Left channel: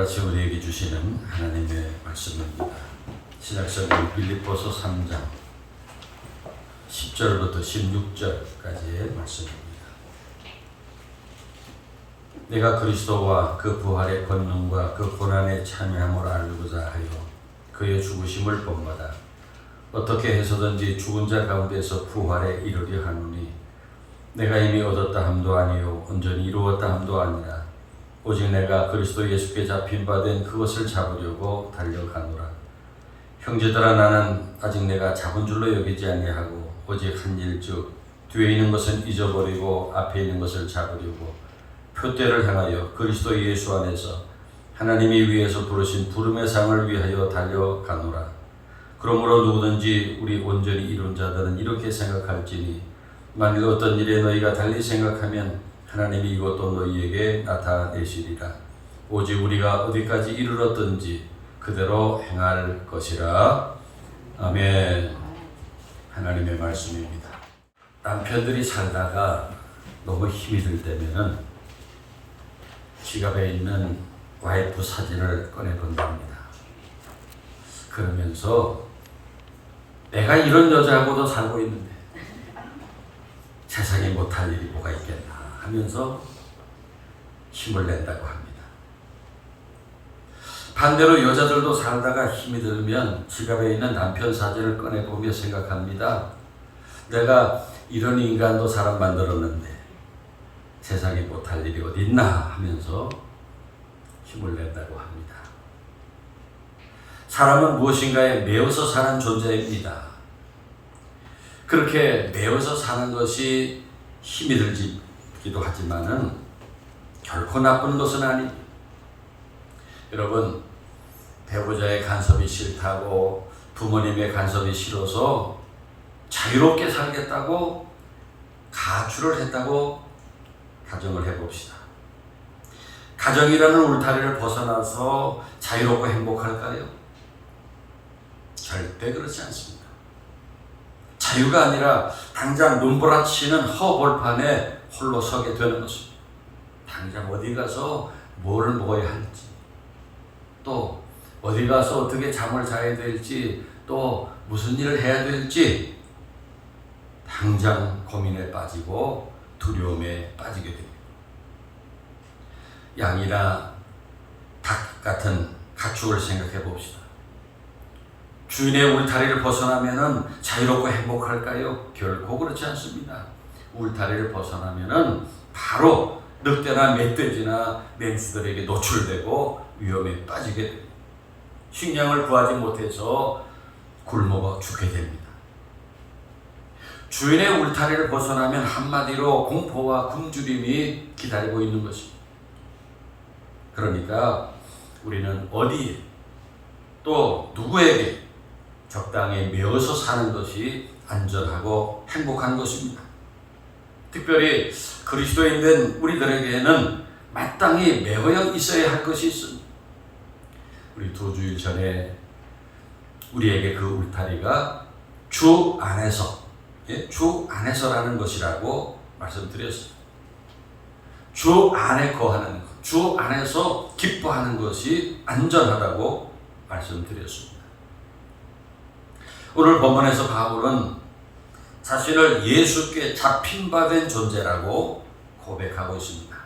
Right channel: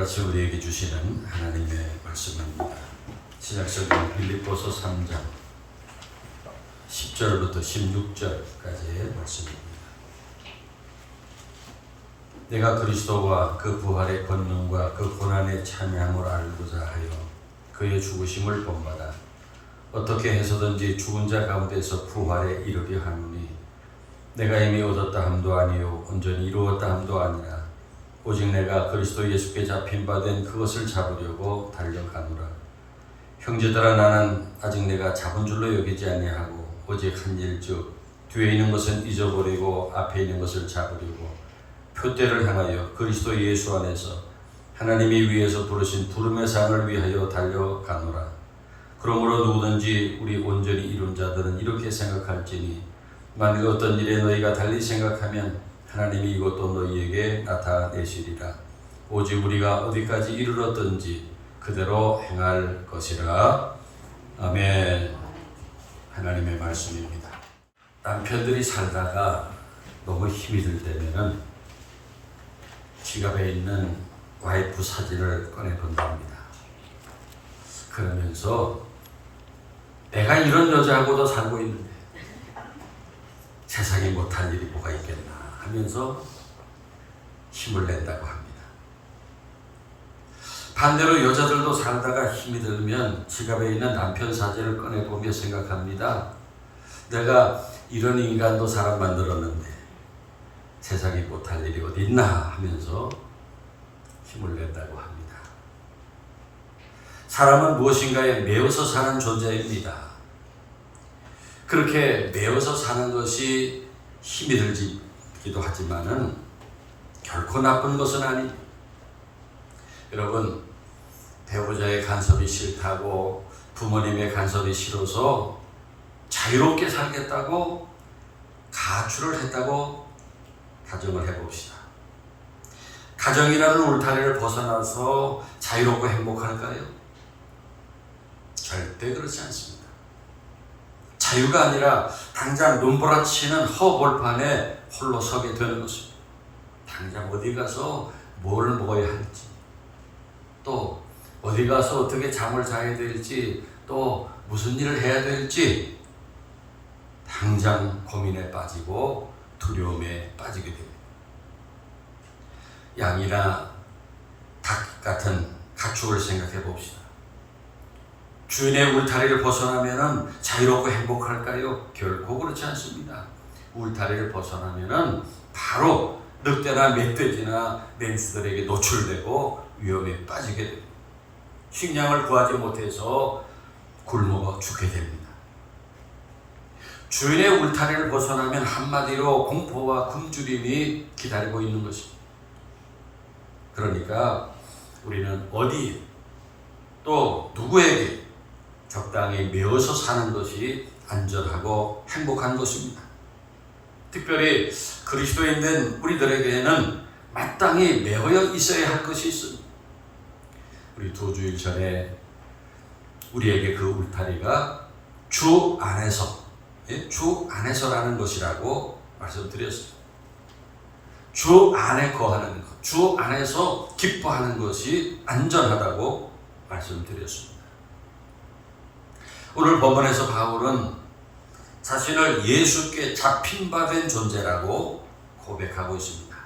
오늘 아침 우리에게 주시는 하나님의 말씀입니다. 신약성경 빌립보서 3장 10절부터 16절까지의 말씀입니다. 내가 그리스도와 그 부활의 권능과 그 고난에 참여함을 알고자 하여 그의 죽으심을 본받아 어떻게 해서든지 죽은 자 가운데서 부활에 이르려 하노니 내가 이미 얻었다 함도 아니요 온전히 이루었다 함도 아니라 오직 내가 그리스도 예수께 잡힌 바 된 그것을 잡으려고 달려가노라. 형제들아, 나는 아직 내가 잡은 줄로 여기지 아니하고 오직 한 일 즉 뒤에 있는 것은 잊어버리고 앞에 있는 것을 잡으려고 표대를 향하여 그리스도 예수 안에서 하나님이 위에서 부르신 부름의 상을 위하여 달려가노라. 그러므로 누구든지 우리 온전히 이룬 자들은 이렇게 생각할지니 만일 어떤 일에 너희가 달리 생각하면 하나님이 이것도 너희에게 나타내시리라. 오직 우리가 어디까지 이르렀든지 그대로 행할 것이라. 아멘. 하나님의 말씀입니다. 남편들이 살다가 너무 힘이 들 때면은 지갑에 있는 와이프 사진을 꺼내본답니다. 그러면서 내가 이런 여자하고도 살고 있는데 세상에 못할 일이 뭐가 있겠나 하면서 힘을 낸다고 합니다. 반대로 여자들도 살다가 힘이 들면 지갑에 있는 남편 사진을 꺼내보며 생각합니다. 내가 이런 인간도 사람 만들었는데 세상에 못할 일이 어디 있나 하면서 힘을 낸다고 합니다. 사람은 무엇인가에 매여서 사는 존재입니다. 그렇게 매여서 사는 것이 힘이 들기도 하지만은 결코 나쁜 것은 아닙니다. 여러분, 배우자의 간섭이 싫다고 부모님의 간섭이 싫어서 자유롭게 살겠다고 가출을 했다고 가정을 해봅시다. 가정이라는 울타리를 벗어나서 자유롭고 행복할까요? 절대 그렇지 않습니다. 자유가 아니라 당장 눈보라치는 허벌판에 홀로 서게 되는 것입니다. 당장 어디 가서 뭐를 먹어야 할지, 또 어디 가서 어떻게 잠을 자야 될지, 또 무슨 일을 해야 될지 당장 고민에 빠지고 두려움에 빠지게 됩니다. 양이나 닭 같은 가축을 생각해 봅시다. 주인의 울타리를 벗어나면은 자유롭고 행복할까요? 결코 그렇지 않습니다. 울타리를 벗어나면은 바로 늑대나 멧돼지나 맹수들에게 노출되고 위험에 빠지게 됩니다. 식량을 구하지 못해서 굶어 죽게 됩니다. 주인의 울타리를 벗어나면 한마디로 공포와 굶주림이 기다리고 있는 것입니다. 그러니까 우리는 어디 또 누구에게 적당히 매어서 사는 것이 안전하고 행복한 것입니다. 특별히 그리스도인 된 우리들에게는 마땅히 매어 있어야 할 것이 있습니다. 우리 2주일 전에 우리에게 그 울타리가 주 안에서, 주 안에서라는 것이라고 말씀드렸습니다. 주 안에 거하는 것, 주 안에서 기뻐하는 것이 안전하다고 말씀드렸습니다. 오늘 본문에서 바울은 자신을 예수께 잡힌 바 된 존재라고 고백하고 있습니다.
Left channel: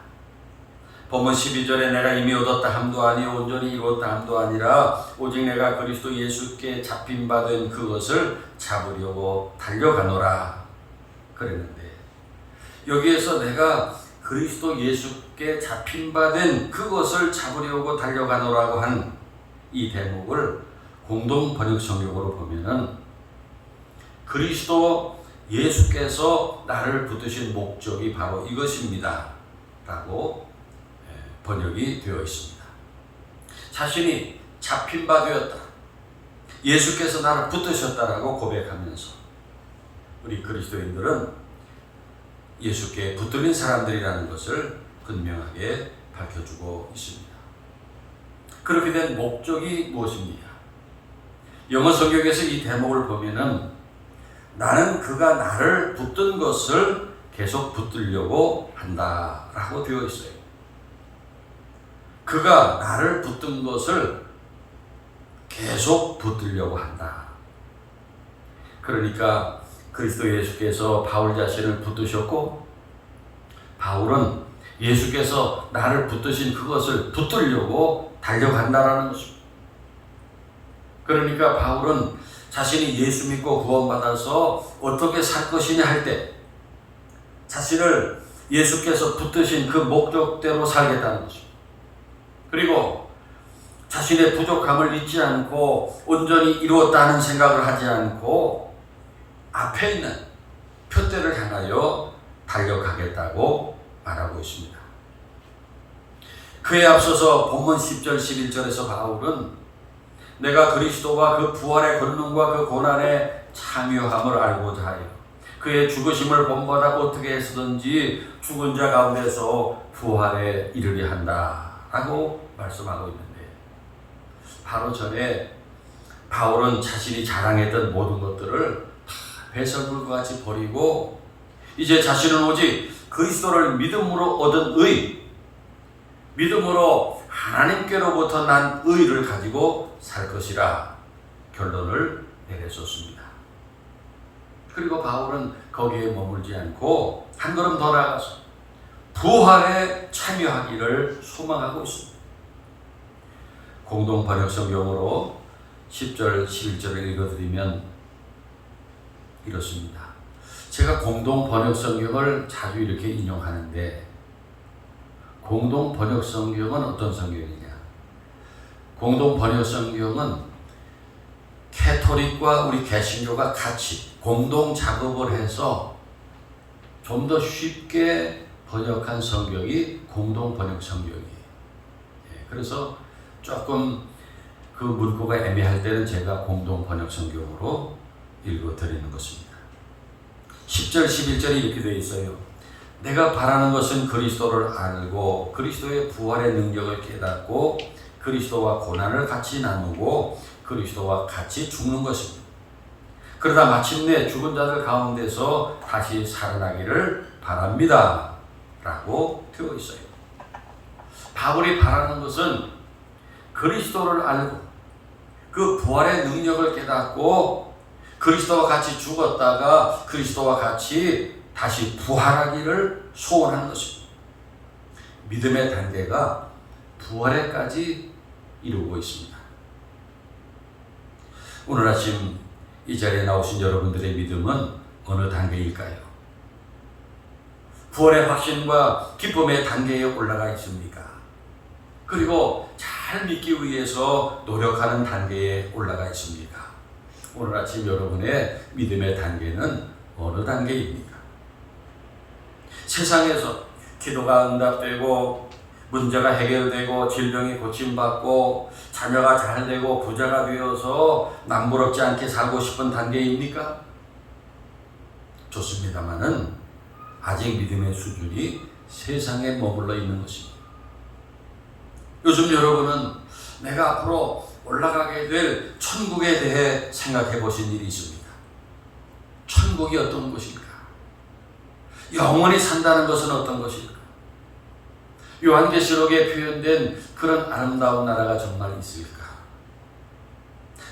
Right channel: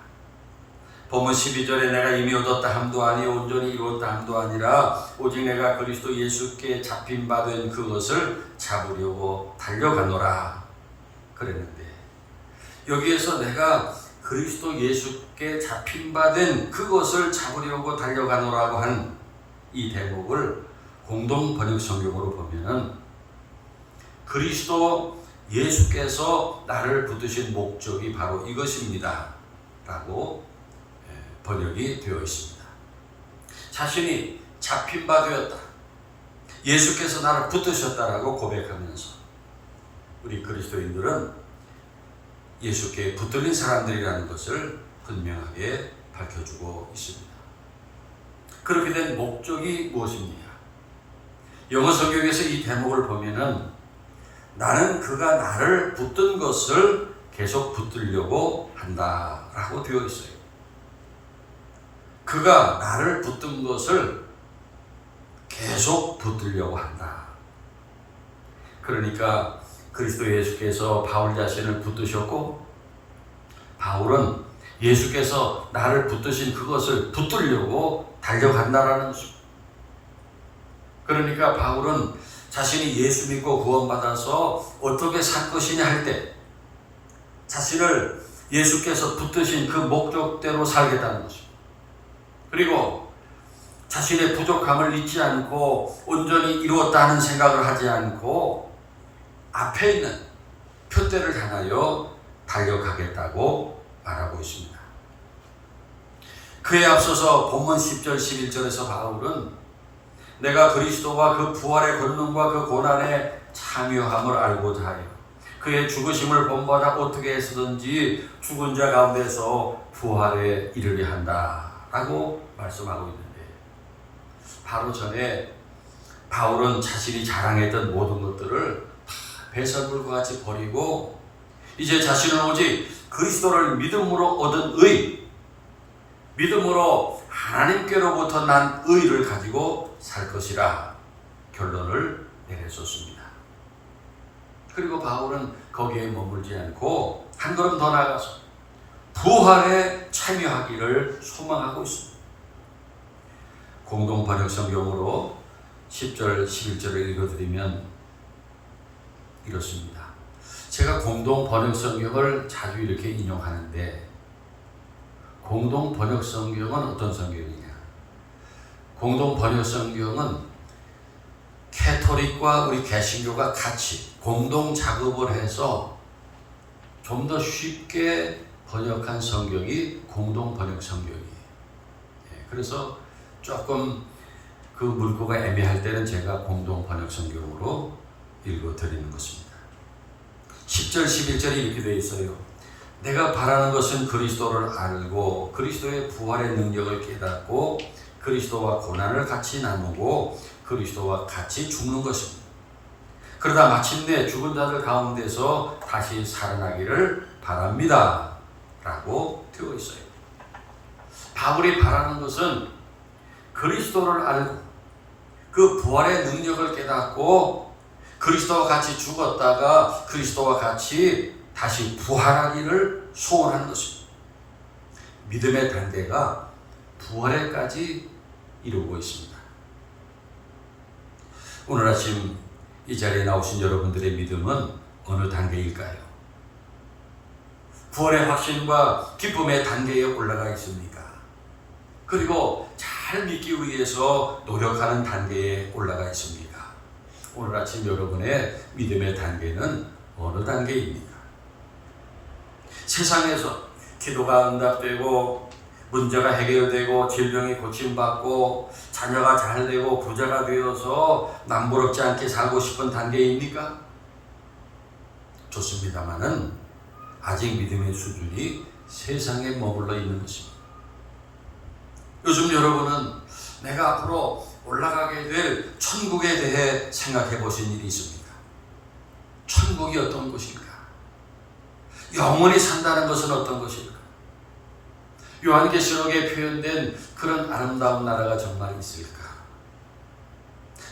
본문 12절에 내가 이미 얻었다 함도 아니요 온전히 이루었다 함도 아니라 오직 내가 그리스도 예수께 잡힌 바 된 그것을 잡으려고 달려가노라 그랬는데, 여기에서 내가 그리스도 예수께 잡힌 바 된 그것을 잡으려고 달려가노라고 하는 이 대목을 공동 번역 성경으로 보면은 그리스도 예수께서 나를 붙드신 목적이 바로 이것입니다 라고 번역이 되어 있습니다. 자신이 잡힌 바 되었다, 예수께서 나를 붙드셨다라고 고백하면서 우리 그리스도인들은 예수께 붙들린 사람들이라는 것을 분명하게 밝혀주고 있습니다. 그렇게 된 목적이 무엇입니까? 영어 성경에서 이 대목을 보면은 나는 그가 나를 붙든 것을 계속 붙들려고 한다라고 되어 있어요. 그가 나를 붙든 것을 계속 붙들려고 한다. 그러니까 그리스도 예수께서 바울 자신을 붙드셨고 바울은 예수께서 나를 붙드신 그것을 붙들려고 달려간다라는 것입니다. 그러니까 바울은 자신이 예수 믿고 구원받아서 어떻게 살 것이냐 할 때 자신을 예수께서 붙드신 그 목적대로 살겠다는 것입니다. 그리고 자신의 부족함을 잊지 않고 온전히 이루었다는 생각을 하지 않고 앞에 있는 표대를 향하여 달려가겠다고 말하고 있습니다. 그에 앞서서 본문 10절 11절에서 바울은 내가 그리스도와 그 부활의 권능과 그 고난의 참여함을 알고자 하여 그의 죽으심을 본받아 어떻게 해서든지 죽은 자 가운데서 부활에 이르게 한다 라고 말씀하고 있는데 바로 전에 바울은 자신이 자랑했던 모든 것들을 다 배설물과 같이 버리고 이제 자신은 오직 그리스도를 믿음으로 얻은 의, 믿음으로 하나님께로부터 난 의를 가지고 살 것이라 결론을 내렸었습니다. 그리고 바울은 거기에 머물지 않고 한 걸음 더 나아가서 부활에 참여하기를 소망하고 있습니다. 공동 번역 성경으로 10절, 11절을 읽어드리면 이렇습니다. 제가 공동 번역 성경을 자주 이렇게 인용하는데 공동 번역 성경은 어떤 성경이냐? 공동 번역 성경은 캐토릭과 우리 개신교가 같이 공동 작업을 해서 좀 더 쉽게 번역한 성경이 공동 번역 성경이에요. 그래서 조금 그 문구가 애매할 때는 제가 공동 번역 성경으로 읽어 드리는 것입니다. 10절 11절이 이렇게 되어 있어요. 내가 바라는 것은 그리스도를 알고 그리스도의 부활의 능력을 깨닫고 그리스도와 고난을 같이 나누고 그리스도와 같이 죽는 것입니다. 그러다 마침내 죽은 자들 가운데서 다시 살아나기를 바랍니다 라고 되어 있어요. 바울이 바라는 것은 그리스도를 알고 그 부활의 능력을 깨닫고 그리스도와 같이 죽었다가 그리스도와 같이 다시 부활하기를 소원하는 것입니다. 믿음의 단계가 부활에까지 이루고 있습니다. 오늘 아침 이 자리에 나오신 여러분들의 믿음은 어느 단계일까요? 부활의 확신과 기쁨의 단계에 올라가 있습니까? 그리고 잘 믿기 위해서 노력하는 단계에 올라가 있습니까? 오늘 아침 여러분의 믿음의 단계는 어느 단계입니까? 세상에서 기도가 응답되고 문제가 해결되고 질병이 고침받고 자녀가 잘되고 부자가 되어서 남부럽지 않게 살고 싶은 단계입니까? 좋습니다마는 아직 믿음의 수준이 세상에 머물러 있는 것입니다. 요즘 여러분은 내가 앞으로 올라가게 될 천국에 대해 생각해 보신 일이 있습니까? 천국이 어떤 곳인가? 영원히 산다는 것은 어떤 것인가? 요한계시록에 표현된 그런 아름다운 나라가 정말 있을까?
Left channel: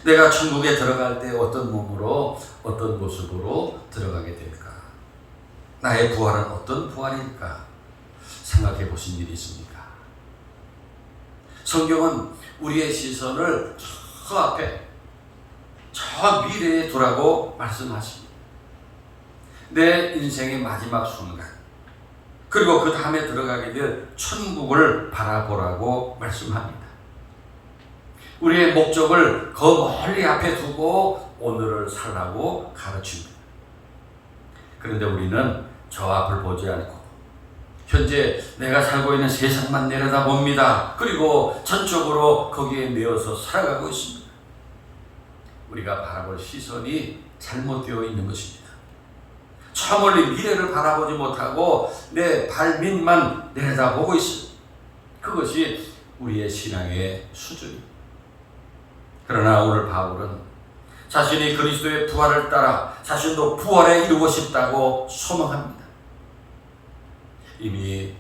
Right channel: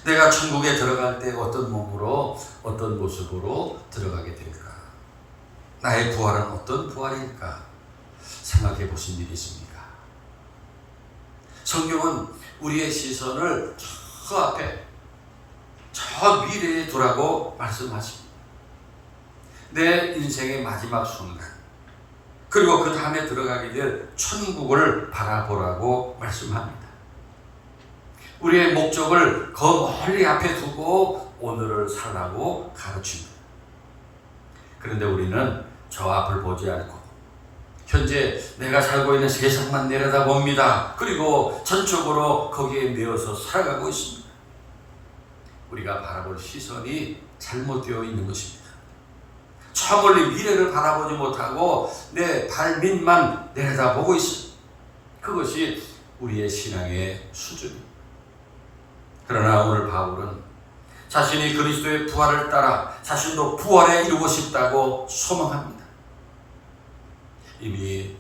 내가 천국에 들어갈 때 어떤 몸으로 어떤 모습으로 들어가게 될까? 나의 부활은 어떤 부활일까? 생각해 보신 일이 있습니까? 성경은 우리의 시선을 저 앞에 저 미래에 두라고 말씀하십니다. 내 인생의 마지막 순간 그리고 그 다음에 들어가게 될 천국을 바라보라고 말씀합니다. 우리의 목적을 그 멀리 앞에 두고 오늘을 살라고 가르칩니다. 그런데 우리는 저 앞을 보지 않고 현재 내가 살고 있는 세상만 내려다봅니다. 그리고 전적으로 거기에 매여서 살아가고 있습니다. 우리가 바라볼 시선이 잘못되어 있는 것입니다. 저 멀리 미래를 바라보지 못하고 내 발밑만 내려다보고 있습니다. 그것이 우리의 신앙의 수준입니다. 그러나 오늘 바울은 자신이 그리스도의 부활을 따라 자신도 부활에 이루고 싶다고 소망합니다. 이미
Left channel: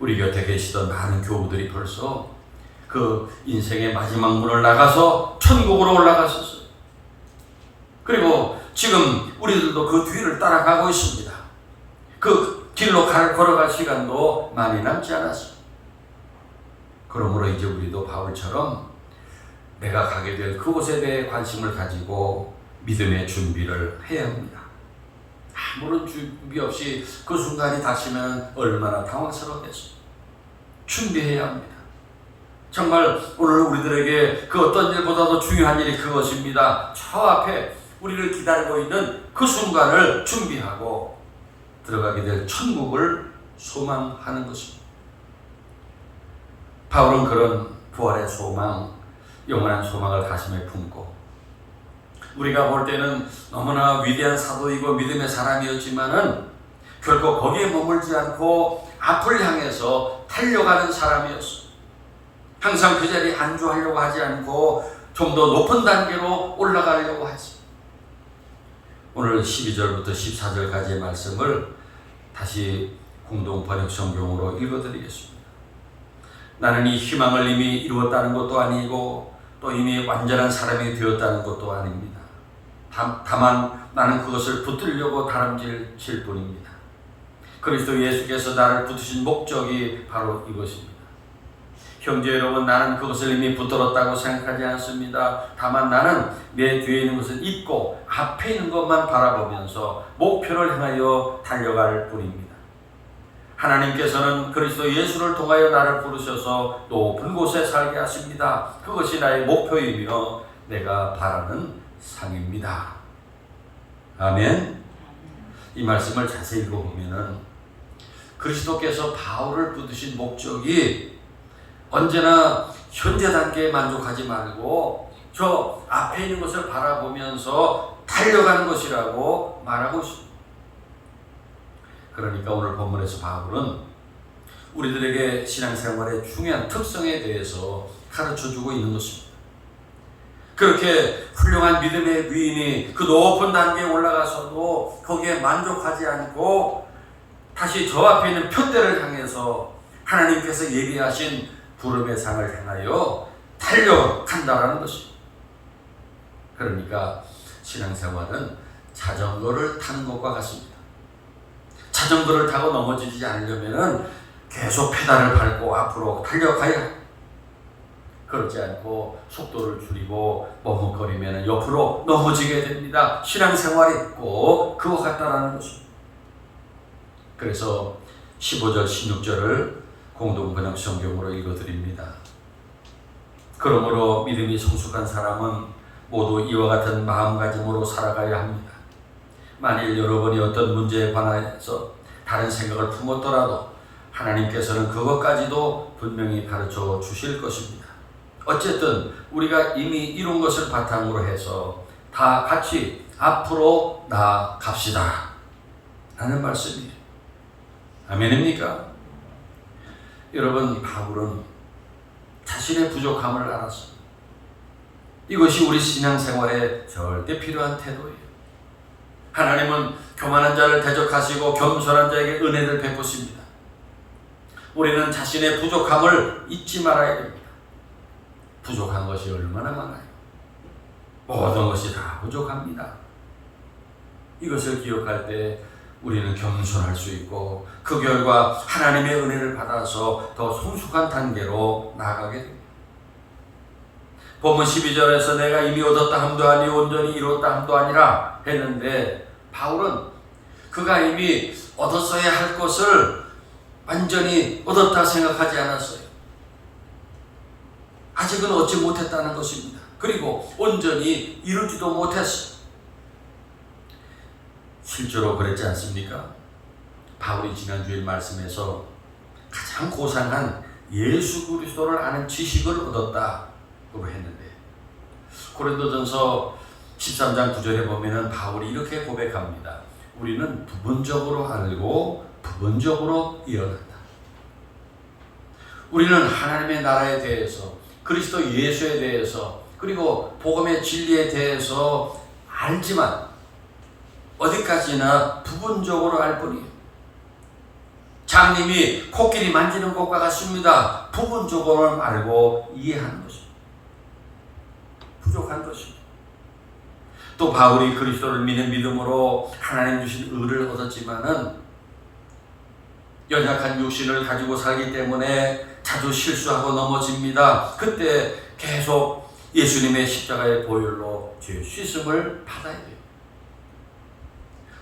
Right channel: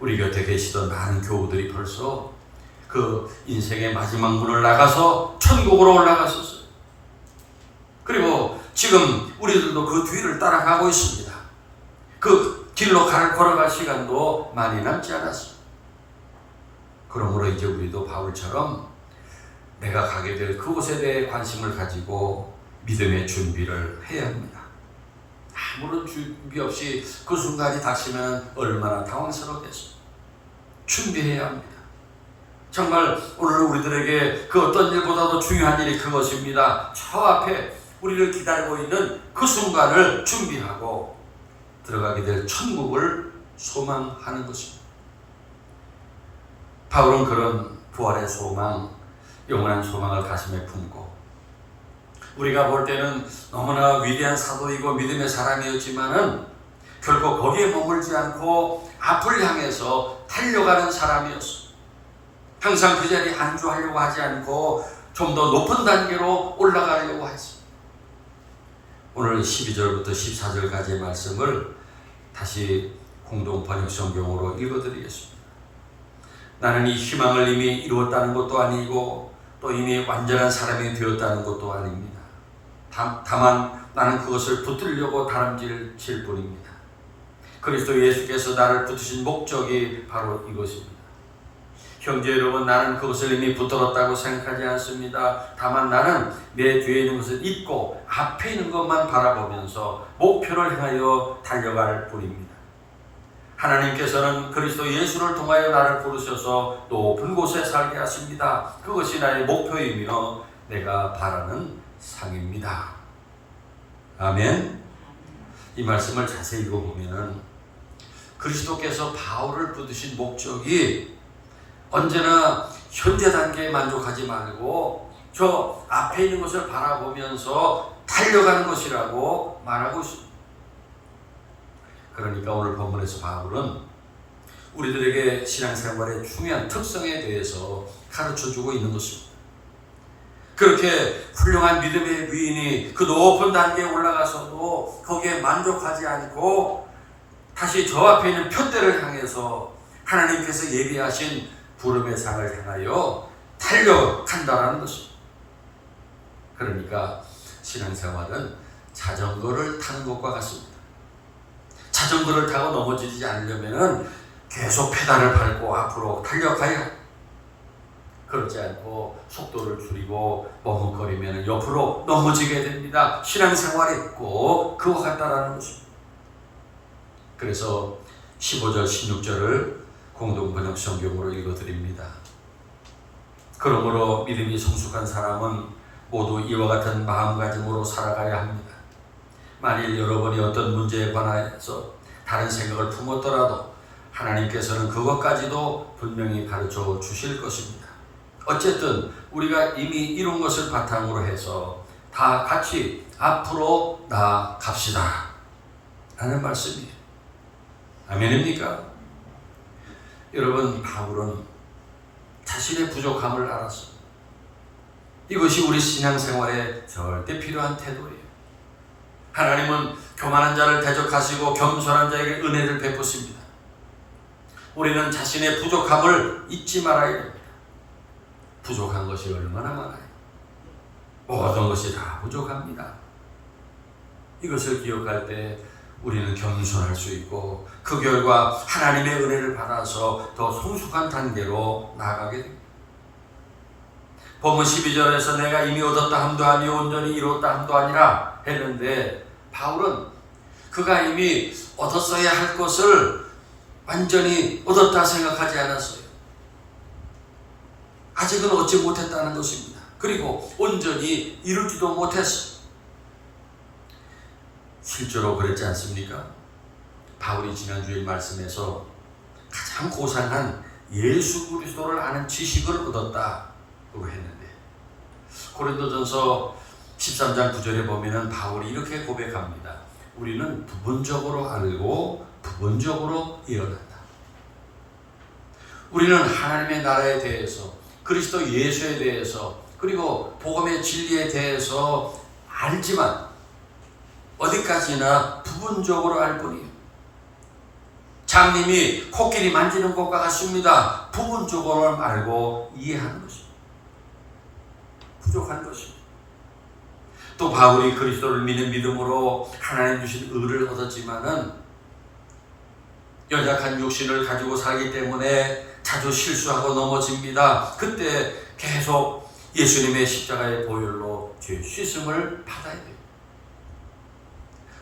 우리 곁에 계시던 많은 교우들이 벌써 그 인생의 마지막 문을 나가서 천국으로 올라갔었어요. 그리고 지금 우리들도 그 뒤를 따라가고 있습니다. 그 길로 걸어갈 시간도 많이 남지 않았습니다. 그러므로 이제 우리도 바울처럼 내가 가게 될 그곳에 대해 관심을 가지고 믿음의 준비를 해야 합니다. 아무런 준비 없이 그 순간이 다시면 얼마나 당황스럽겠습니까? 준비해야 합니다. 정말 오늘 우리들에게 그 어떤 일보다도 중요한 일이 그것입니다. 저 앞에 우리를 기다리고 있는 그 순간을 준비하고 들어가게 될 천국을 소망하는 것입니다. 바울은 그런 부활의 소망, 영원한 소망을 가슴에 품고 우리가 볼 때는 너무나 위대한 사도이고 믿음의 사람이었지만은 결코 거기에 머물지 않고 앞을 향해서 달려가는 사람이었습니다. 항상 그 자리에 안주하려고 하지 않고 좀 더 높은 단계로 올라가려고 했습니다. 오늘 12절부터 14절까지의 말씀을 다시 공동 번역 성경으로 읽어드리겠습니다. 나는 이 희망을 이미 이루었다는 것도 아니고 또 이미 완전한 사람이 되었다는 것도 아닙니다. 다만 나는 그것을 붙들려고 다름질 뿐입니다. 그리스도 예수께서 나를 붙으신 목적이 바로 이것입니다. 형제 여러분, 나는 그것을 이미 붙들었다고 생각하지 않습니다. 다만 나는 내 뒤에 있는 것을 잊고 앞에 있는 것만 바라보면서 목표를 향하여 달려갈 뿐입니다. 하나님께서는 그리스도 예수를 통하여 나를 부르셔서 높은 곳에 살게 하십니다. 그것이 나의 목표이며 내가 바라는 삶입니다. 아멘. 이 말씀을 자세히 읽어보면 그리스도께서 바울을 붙드신 목적이 언제나 현재 단계에 만족하지 말고 저 앞에 있는 것을 바라보면서 달려가는 것이라고 말하고 있습니다. 그러니까 오늘 본문에서 바울은 우리들에게 신앙생활의 중요한 특성에 대해서 가르쳐주고 있는 것입니다. 그렇게 훌륭한 믿음의 위인이 그 높은 단계에 올라가서도 거기에 만족하지 않고 다시 저 앞에 있는 표대를 향해서 하나님께서 예비하신 부름의 상을 향하여 달려간다는 것입니다. 그러니까 신앙생활은 자전거를 타는 것과 같습니다. 자전거를 타고 넘어지지 않으려면 계속 페달을 밟고 앞으로 달려가야 합니다. 그렇지 않고 속도를 줄이고 머뭇거리면 옆으로 넘어지게 됩니다. 신앙생활이 꼭 그와 같다라는 것입니다. 그래서 15절, 16절을 공동번역 성경으로 읽어드립니다. 그러므로 믿음이 성숙한 사람은 모두 이와 같은 마음가짐으로 살아가야 합니다. 만일 여러분이 어떤 문제에 관해서 다른 생각을 품었더라도 하나님께서는 그것까지도 분명히 가르쳐 주실 것입니다. 어쨌든 우리가 이미 이룬 것을 바탕으로 해서 다 같이 앞으로 나아갑시다 라는 말씀이에요. 아멘입니까? 여러분, 바울은 자신의 부족함을 알았습니다. 이것이 우리 신앙생활에 절대 필요한 태도예요. 하나님은 교만한 자를 대적하시고 겸손한 자에게 은혜를 베푸십니다. 우리는 자신의 부족함을 잊지 말아야 됩니다. 부족한 것이 얼마나 많아요. 모든 것이 다 부족합니다. 이것을 기억할 때 우리는 겸손할 수 있고 그 결과 하나님의 은혜를 받아서 더 성숙한 단계로 나아가게 됩니다. 본문 12절에서 내가 이미 얻었다 함도 아니 온전히 이뤘다 함도 아니라 했는데 바울은 그가 이미 얻었어야 할 것을 완전히 얻었다 생각하지 않았어요. 아직은 얻지 못했다는 것입니다. 그리고 온전히 이루지도 못했어요. 실제로 그랬지 않습니까? 바울이 지난주에 말씀에서 가장 고상한 예수 그리스도를 아는 지식을 얻었다고 했는데 고린도전서 13장 9절에 보면은 바울이 이렇게 고백합니다. 우리는 부분적으로 알고 부분적으로 이해한다. 우리는 하나님의 나라에 대해서 그리스도 예수에 대해서 그리고 복음의 진리에 대해서 알지만 어디까지나 부분적으로 알 뿐이에요. 장님이 코끼리 만지는 것과 같습니다. 부분적으로는 알고 이해하는 것입니다. 부족한 것입니다. 또 바울이 그리스도를 믿는 믿음으로 하나님 주신 의를 얻었지만은 연약한 육신을 가지고 살기 때문에 자주 실수하고 넘어집니다. 그때 계속 예수님의 십자가의 보혈로 죄 씻음을 받아야 돼요.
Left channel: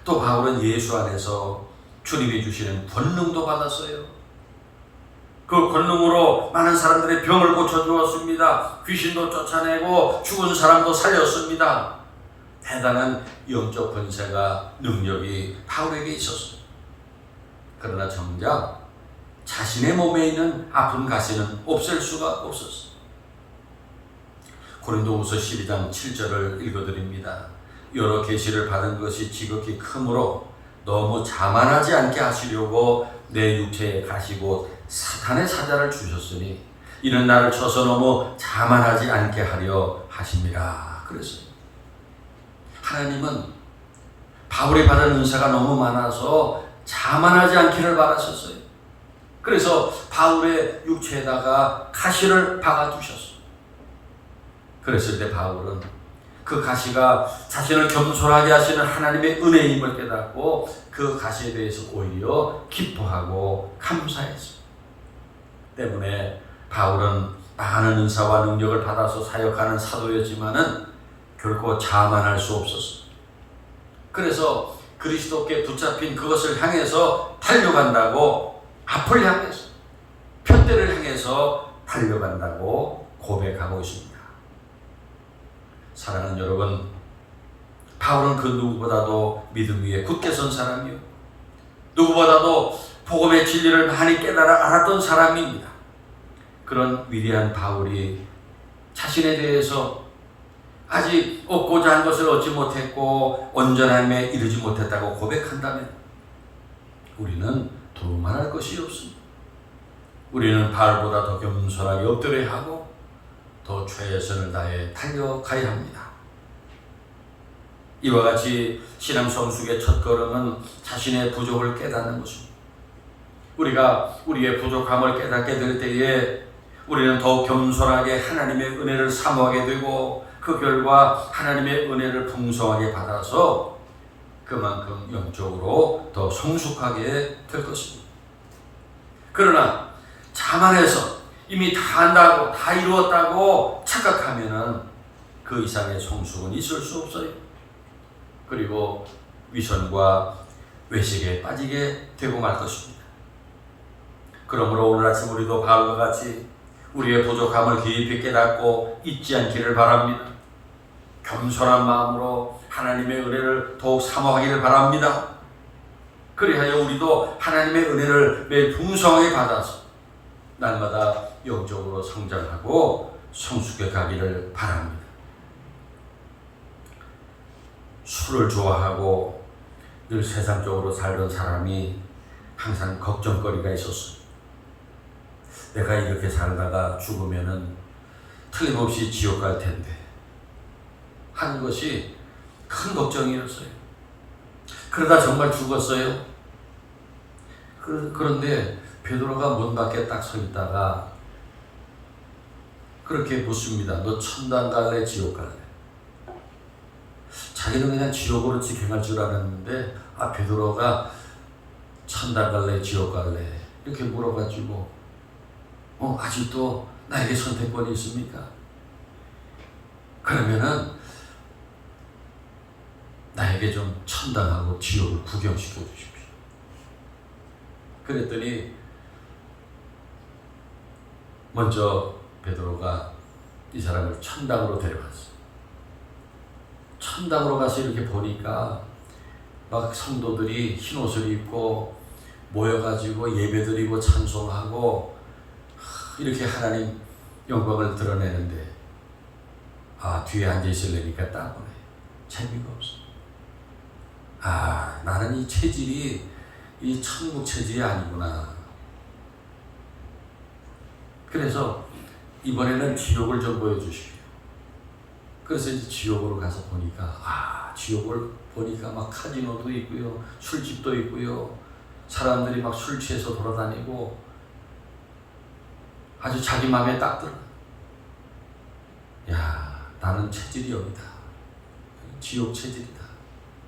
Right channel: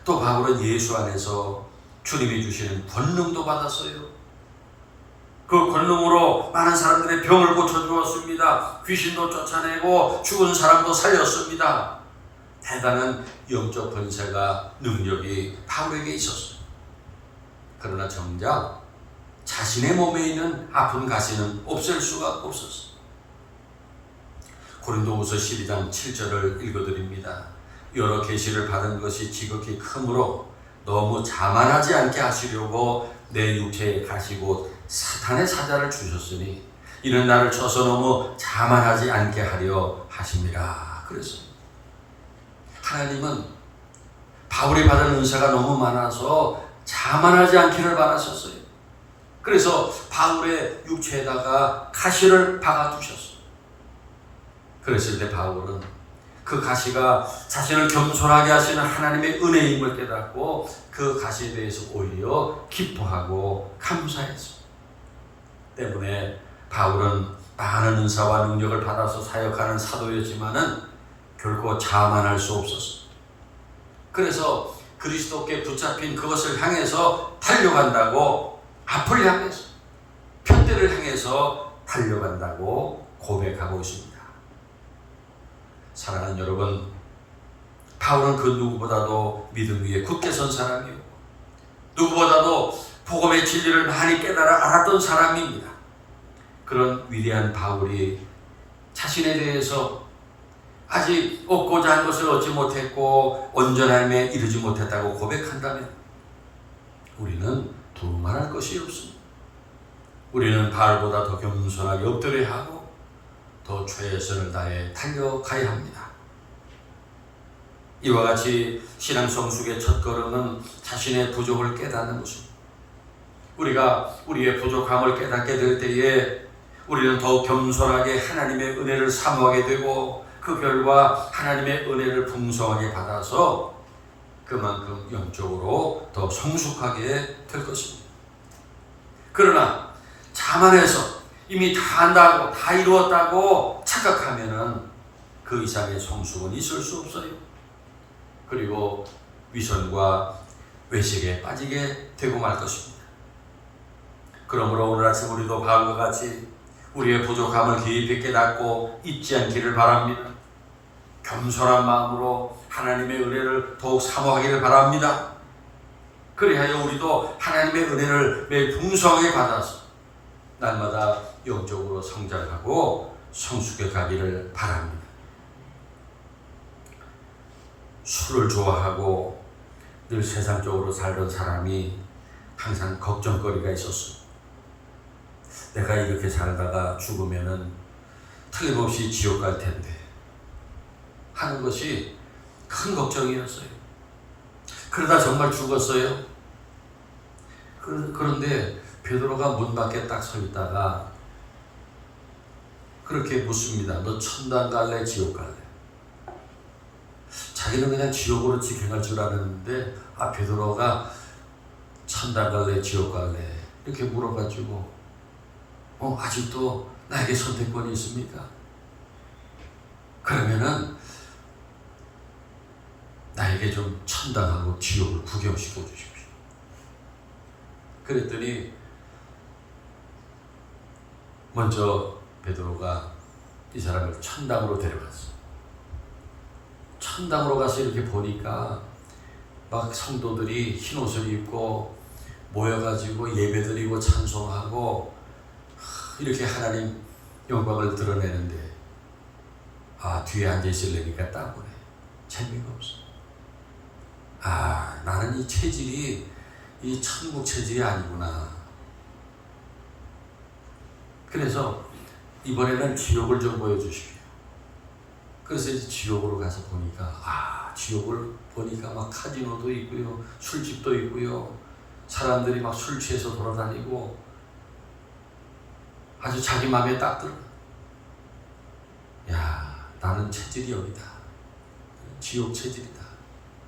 또 바울은 예수 안에서 주님이 주시는 권능도 받았어요. 그 권능으로 많은 사람들의 병을 고쳐주었습니다. 귀신도 쫓아내고 죽은 사람도 살렸습니다. 대단한 영적 권세가 능력이 바울에게 있었습니다. 그러나 정작 자신의 몸에 있는 아픈 가시는 없앨 수가 없었습니다. 고린도후서 12장 7절을 읽어드립니다. 여러 계시를 받은 것이 지극히 크므로 너무 자만하지 않게 하시려고 내 육체에 가시고 사탄의 사자를 주셨으니 이는 나를 쳐서 너무 자만하지 않게 하려 하심이라. 그래서 하나님은 바울이 받은 은사가 너무 많아서 자만하지 않기를 바라셨어요. 그래서 바울의 육체에다가 가시를 박아두셨어요. 그랬을 때 바울은 그 가시가 자신을 겸손하게 하시는 하나님의 은혜임을 깨닫고 그 가시에 대해서 오히려 기뻐하고 감사했어요. 때문에 바울은 많은 은사와 능력을 받아서 사역하는 사도였지만은 결코 자만할 수 없었어요. 그래서 그리스도께 붙잡힌 그것을 향해서 달려간다고, 앞을 향해서 표대를 향해서 달려간다고 고백하고 있습니다. 사랑하는 여러분, 바울은 그 누구보다도 믿음 위에 굳게 선 사람이에요. 누구보다도 복음의 진리를 많이 깨달아 알았던 사람입니다. 그런 위대한 바울이 자신에 대해서 아직 얻고자 한 것을 얻지 못했고 온전함에 이르지 못했다고 고백한다면 우리는 두말할 것이 없습니다. 우리는 바울보다 더 겸손하게 엎드려야 하고 더 최선을 다해 달려가야 합니다. 이와 같이 신앙 성숙의 첫걸음은 자신의 부족을 깨닫는 것입니다. 우리가 우리의 부족함을 깨닫게 될 때에 우리는 더욱 겸손하게 하나님의 은혜를 사모하게 되고 그 결과 하나님의 은혜를 풍성하게 받아서 그만큼 영적으로 더 성숙하게 될 것입니다. 그러나 자만해서 이미 다 한다고 다 이루었다고 착각하면은 그 이상의 성숙은 있을 수 없어요. 그리고 위선과 외식에 빠지게 되고 말 것입니다. 그러므로 오늘 아침 우리도 바울과 같이 우리의 부족함을 깊이 깨닫고 잊지 않기를 바랍니다. 겸손한 마음으로 하나님의 은혜를 더욱 사모하기를 바랍니다. 그래야 우리도 하나님의 은혜를 매일 풍성하게 받아서 날마다 영적으로 성장하고 성숙해 가기를 바랍니다. 술을 좋아하고 늘 세상적으로 살던 사람이 항상 걱정거리가 있었습니다. 내가 이렇게 살다가 죽으면은 틀림없이 지옥 갈 텐데 하는 것이 큰 걱정이었어요. 그러다 정말 죽었어요. 그런데 베드로가 문 밖에 딱 서 있다가 그렇게 묻습니다. 너 천당 갈래 지옥 갈래? 자기는 그냥 지옥으로 직행할 줄 알았는데 베드로가 천당 갈래 지옥 갈래 이렇게 물어가지고 아직도 나에게 선택권이 있습니까? 그러면은 나에게 좀 천당하고 지옥을 구경시켜 주십시오. 그랬더니 먼저 베드로가 이 사람을 천당으로 데려갔어. 천당으로 가서 이렇게 보니까 막 성도들이 흰 옷을 입고 모여가지고 예배드리고 찬송하고 이렇게 하나님 영광을 드러내는데 뒤에 앉아 있으려니까 따분해. 재미가 없어. 나는 이 체질이 이 천국 체질이 아니구나. 그래서 이번에는 지옥을 좀 보여주십시오. 그래서 이제 지옥으로 가서 보니까 지옥을 보니까 막 카지노도 있고요, 술집도 있고요, 사람들이 막 술 취해서 돌아다니고 아주 자기 마음에 딱 들어. 야, 나는 체질이 여기다. 지옥 체질이다.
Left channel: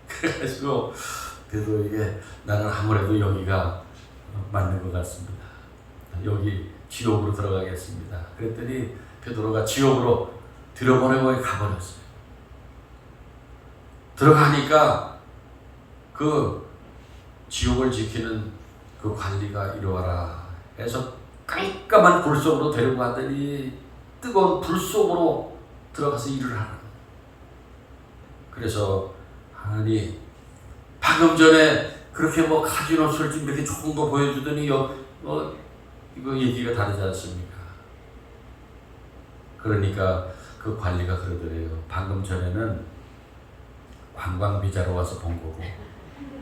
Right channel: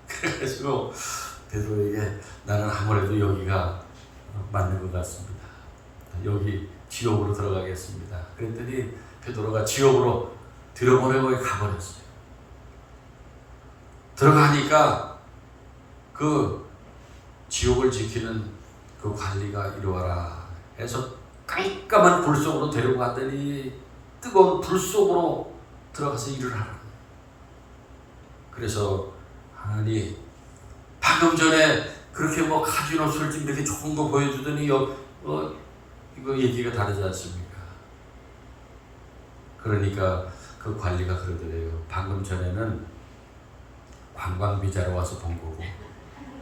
그래가지고 베드로에게 나는 아무래도 여기가 맞는 것 같습니다. 여기 지옥으로 들어가겠습니다. 그랬더니 베드로가 지옥으로 들여보내고 가버렸어요. 들어가니까 그 지옥을 지키는 그 관리가 이리와라 해서 깜깜한 불 속으로 데려가더니 뜨거운 불 속으로 들어가서 일을 하는 거예요. 그래서 하나님 방금 전에 그렇게 뭐 카지노 술집 이렇게 좋은 거 보여주더니 이거 얘기가 다르지 않습니까? 그러니까 그 관리가 그러더래요. 방금 전에는 관광 비자로 와서 본 거고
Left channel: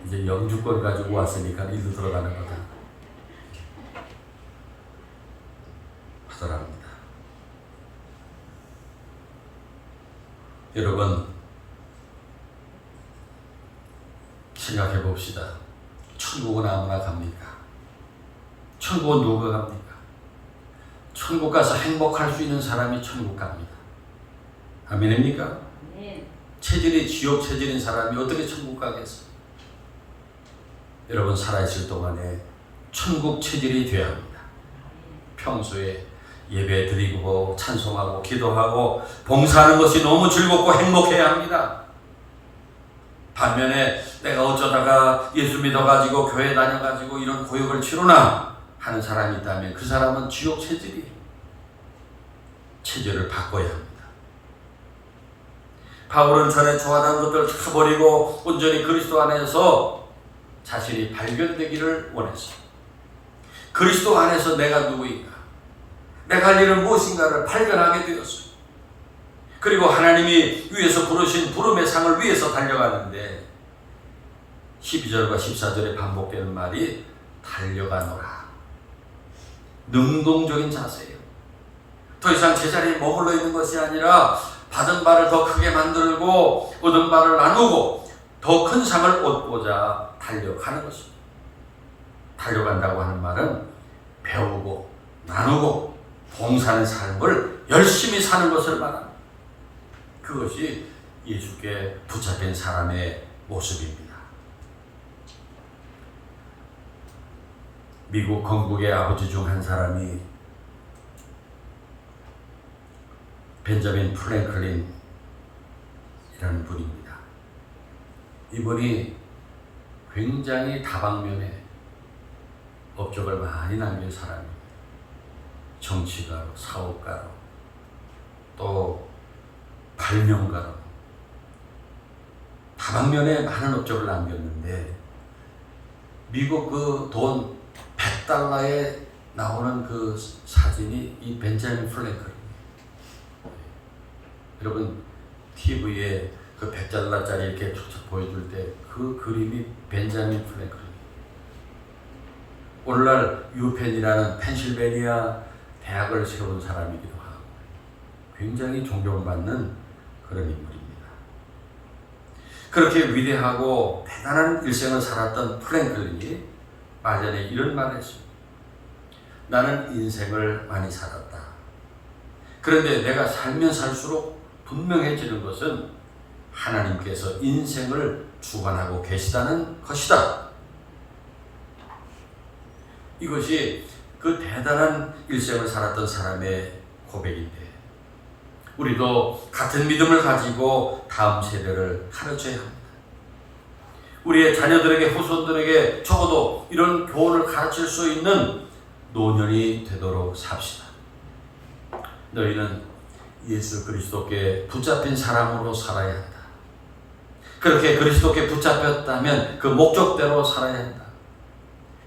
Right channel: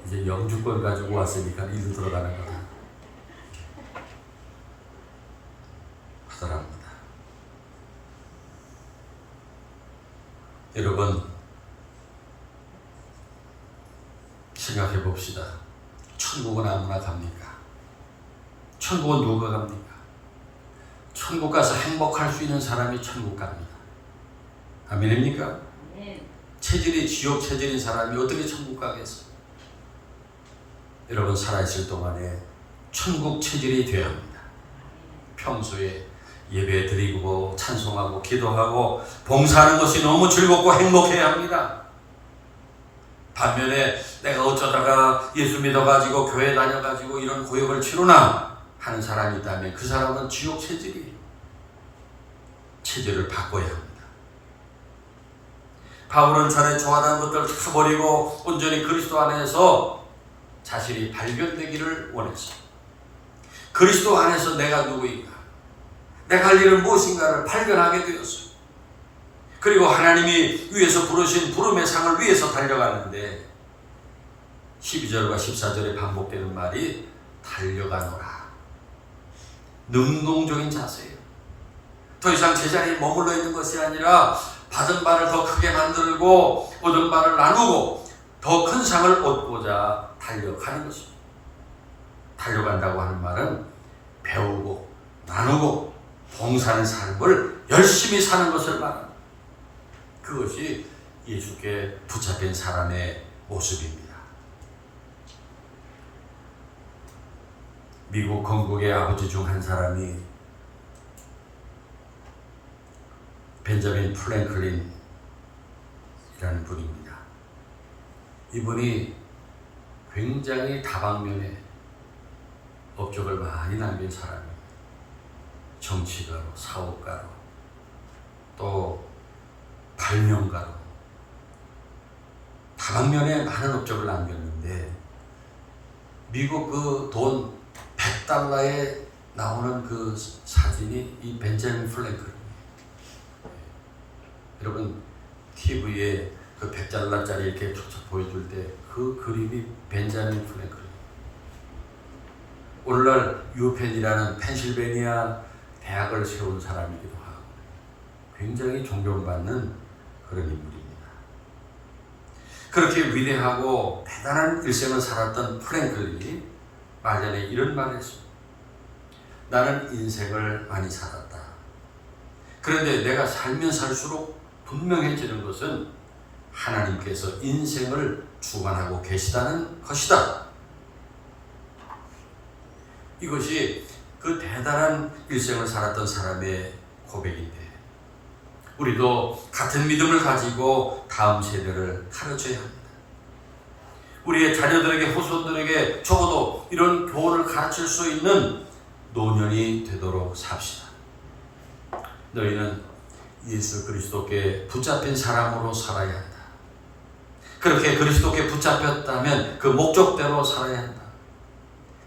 이제 영주권 가지고 왔으니까 일로 들어가는 거다 하더랍니다. 여러분 생각해 봅시다. 천국은 아무나 갑니까? 천국은 누가 갑니까? 천국 가서 행복할 수 있는 사람이 천국 갑니다. 아멘입니까? 네. 체질이 지옥 체질인 사람이 어떻게 천국 가겠어요? 여러분 살아있을 동안에 천국 체질이 되어야 합니다. 평소에 예배 드리고 찬송하고 기도하고 봉사하는 것이 너무 즐겁고 행복해야 합니다. 반면에 내가 어쩌다가 예수 믿어가지고 교회 다녀가지고 이런 고역을 치르나 하는 사람이 있다면 그 사람은 지옥 체질이에요. 체질을 바꿔야 합니다. 바울은 전에 좋아하던 것들을 다 버리고 온전히 그리스도 안에서 자신이 발견되기를 원했어요. 그리스도 안에서 내가 누구인가, 내가 할 일은 무엇인가를 발견하게 되었어요. 그리고 하나님이 위에서 부르신 부름의 상을 위해서 달려가는데 12절과 14절에 반복되는 말이 달려가노라. 능동적인 자세예요. 더 이상 제자리에 머물러 있는 것이 아니라 받은 바를 더 크게 만들고 얻은 바를 나누고 더 큰 상을 얻고자 달려가는 것입니다. 달려간다고 하는 말은 배우고 나누고 봉사하는 삶을 열심히 사는 것을 말합니다. 그것이 예수께 붙잡힌 사람의 모습입니다. 미국 건국의 아버지 중 한 사람이 벤자민 프랭클린이라는 분입니다. 이분이 굉장히 다방면에 업적을 많이 남긴 사람입니다. 정치가로, 사업가로, 또 발명가로 다방면에 많은 업적을 남겼는데 미국 그 돈 100달러에 나오는 그 사진이 이 벤자민 프랭클린. 여러분 TV에 그 100달러짜리 이렇게 쫙쫙 보여줄 때 그 그림이 벤자민 프랭클린. 오늘날 유펜이라는 펜실베니아 대학을 세운 사람이기도 하고 굉장히 존경받는 그런 인물입니다. 그렇게 위대하고 대단한 일생을 살았던 프랭클린이 말년에 이런 말을 했습니다. 나는 인생을 많이 살았다. 그런데 내가 살면 살수록 분명해지는 것은 하나님께서 인생을 주관하고 계시다는 것이다. 이것이 그 대단한 일생을 살았던 사람의 고백인데 우리도 같은 믿음을 가지고 다음 세대를 가르쳐야 합니다. 우리의 자녀들에게 후손들에게 적어도 이런 교훈을 가르칠 수 있는 노년이 되도록 삽시다. 너희는 예수 그리스도께 붙잡힌 사람으로 살아야 한다. 그렇게 그리스도께 붙잡혔다면 그 목적대로 살아야 한다.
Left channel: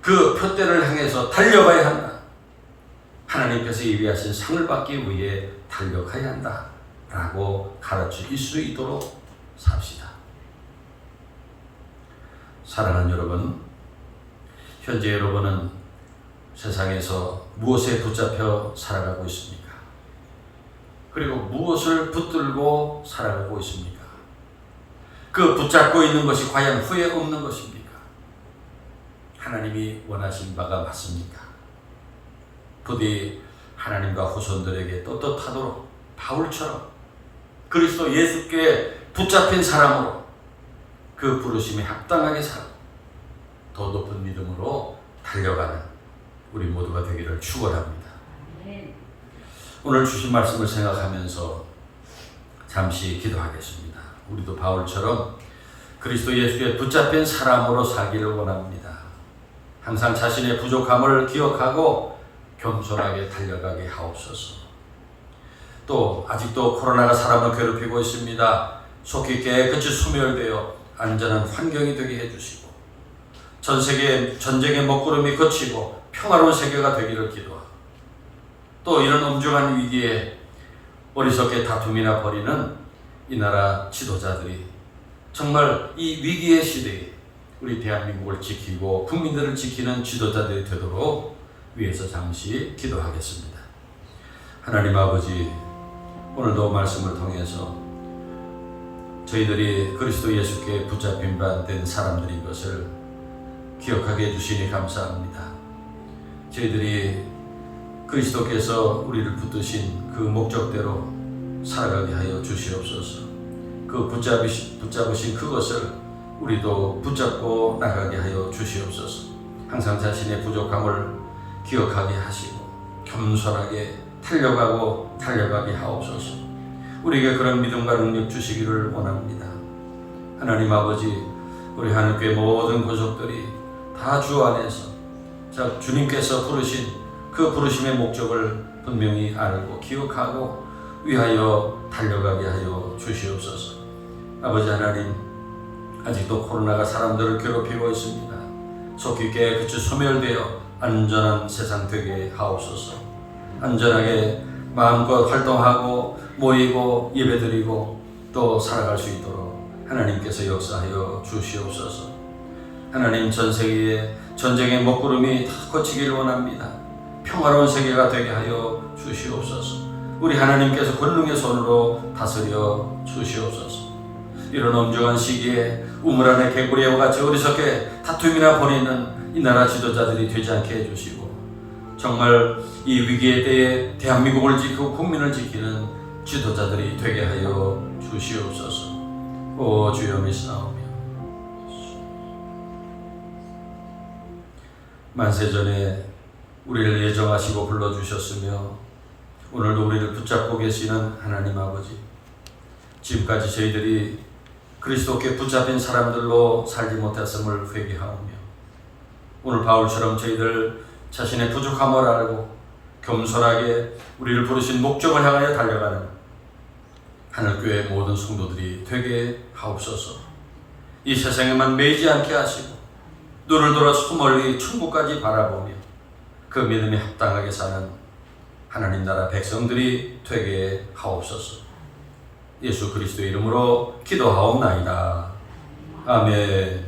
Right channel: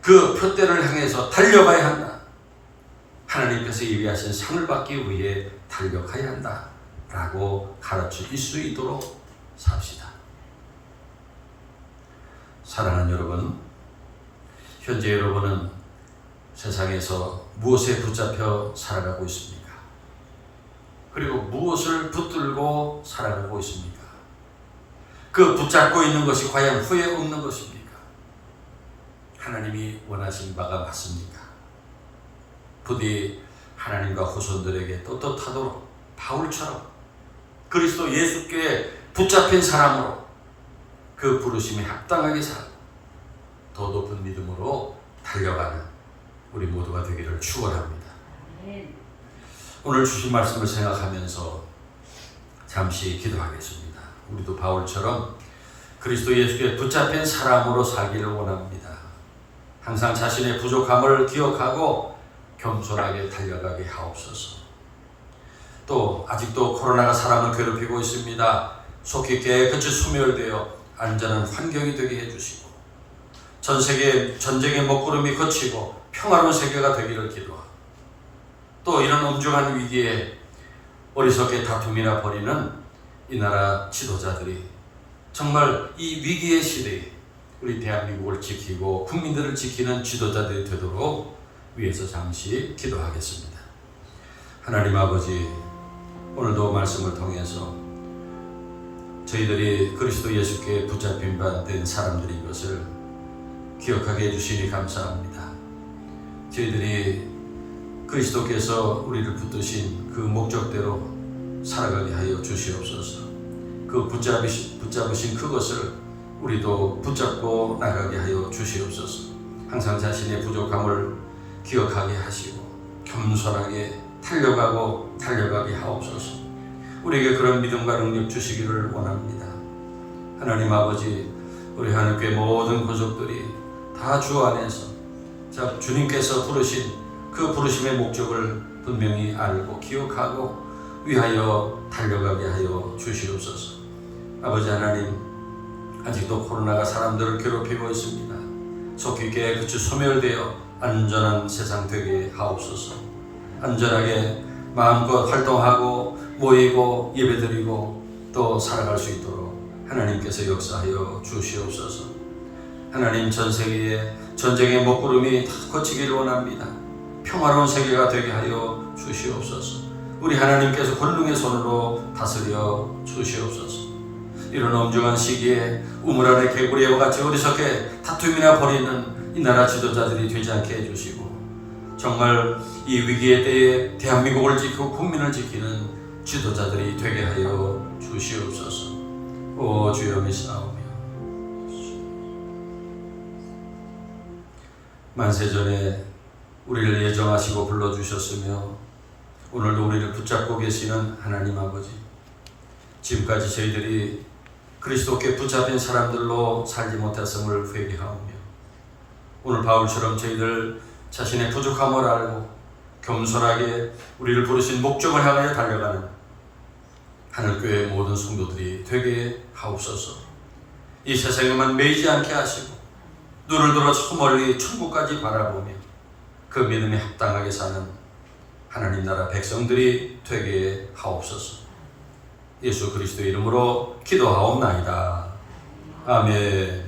그 표대를 향해서 달려가야 한다. 하나님께서 예비하신 상을 받기 위해 달려가야 한다. 라고 가르칠 수 있도록 삽시다. 사랑하는 여러분, 현재 여러분은 세상에서 무엇에 붙잡혀 살아가고 있습니까? 그리고 무엇을 붙들고 살아가고 있습니까? 그 붙잡고 있는 것이 과연 후회 없는 것입니까? 하나님이 원하신 바가 맞습니까? 부디 하나님과 후손들에게 떳떳하도록 바울처럼 그리스도 예수께 붙잡힌 사람으로 그 부르심에 합당하게 살아 더 높은 믿음으로 달려가는 우리 모두가 되기를 축원합니다. 오늘 주신 말씀을 생각하면서 잠시 기도하겠습니다. 우리도 바울처럼 그리스도 예수에 붙잡힌 사람으로 살기를 원합니다. 항상 자신의 부족함을 기억하고 겸손하게 달려가게 하옵소서. 또 아직도 코로나가 사람을 괴롭히고 있습니다. 속히 깨끗이 소멸되어 안전한 환경이 되게 해주시고 전 세계 전쟁의 먹구름이 그치고 평화로운 세계가 되기를 기도하고 또 이런 엄중한 위기에 어리석게 다툼이나 벌이는 이 나라 지도자들이 정말 이 위기의 시대에 우리 대한민국을 지키고 국민들을 지키는 지도자들이 되도록 위해서 잠시 기도하겠습니다. 하나님 아버지, 오늘도 말씀을 통해서 저희들이 그리스도 예수께 붙잡힌 바 된 사람들인 것을 기억하게 해주시니 감사합니다. 저희들이 그리스도께서 우리를 붙드신 그 목적대로 살아가게 하여 주시옵소서. 그 붙잡으신 그것을 우리도 붙잡고 나가게 하여 주시옵소서. 항상 자신의 부족함을 기억하게 하시고 겸손하게 달려가게 하옵소서. 우리에게 그런 믿음과 능력 주시기를 원합니다. 하나님 아버지, 우리 하나님께 모든 구속들이 다 주 안에서 주님께서 부르신 그 부르심의 목적을 분명히 알고 기억하고 위하여 달려가게 하여 주시옵소서. 아버지 하나님, 아직도 코로나가 사람들을 괴롭히고 있습니다. 속히 깨끗이 소멸되어 안전한 세상 되게 하옵소서. 안전하게 마음껏 활동하고 모이고 예배드리고 또 살아갈 수 있도록 하나님께서 역사하여 주시옵소서. 하나님, 전 세계에 전쟁의 먹구름이 다 거치길 원합니다. 평화로운 세계가 되게 하여 주시옵소서. 우리 하나님께서 권능의 손으로 다스려 주시옵소서. 이런 엄중한 시기에 우물 안에 개구리와 같이 어리석게 다툼이나 벌이는 이 나라 지도자들이 되지 않게 해주시고 정말 이 위기에 대해 대한민국을 지키고 국민을 지키는 지도자들이 되게 하여 주시옵소서. 오 주여 미시나오며 만세전에 우리를 예정하시고 불러주셨으며 오늘도 우리를 붙잡고 계시는 하나님 아버지, 지금까지 저희들이 그리스도께 붙잡힌 사람들로 살지 못했음을 회개하오며 오늘 바울처럼 저희들 자신의 부족함을 알고 겸손하게 우리를 부르신 목적을 향해 달려가는 하늘교회 모든 성도들이 되게 하옵소서. 이 세상에만 매이지 않게 하시고 눈을 들어 저 멀리 천국까지 바라보며 그 믿음에 합당하게 사는 하나님 나라 백성들이 되게 하옵소서. 예수 그리스도의 이름으로 기도하옵나이다. 아멘.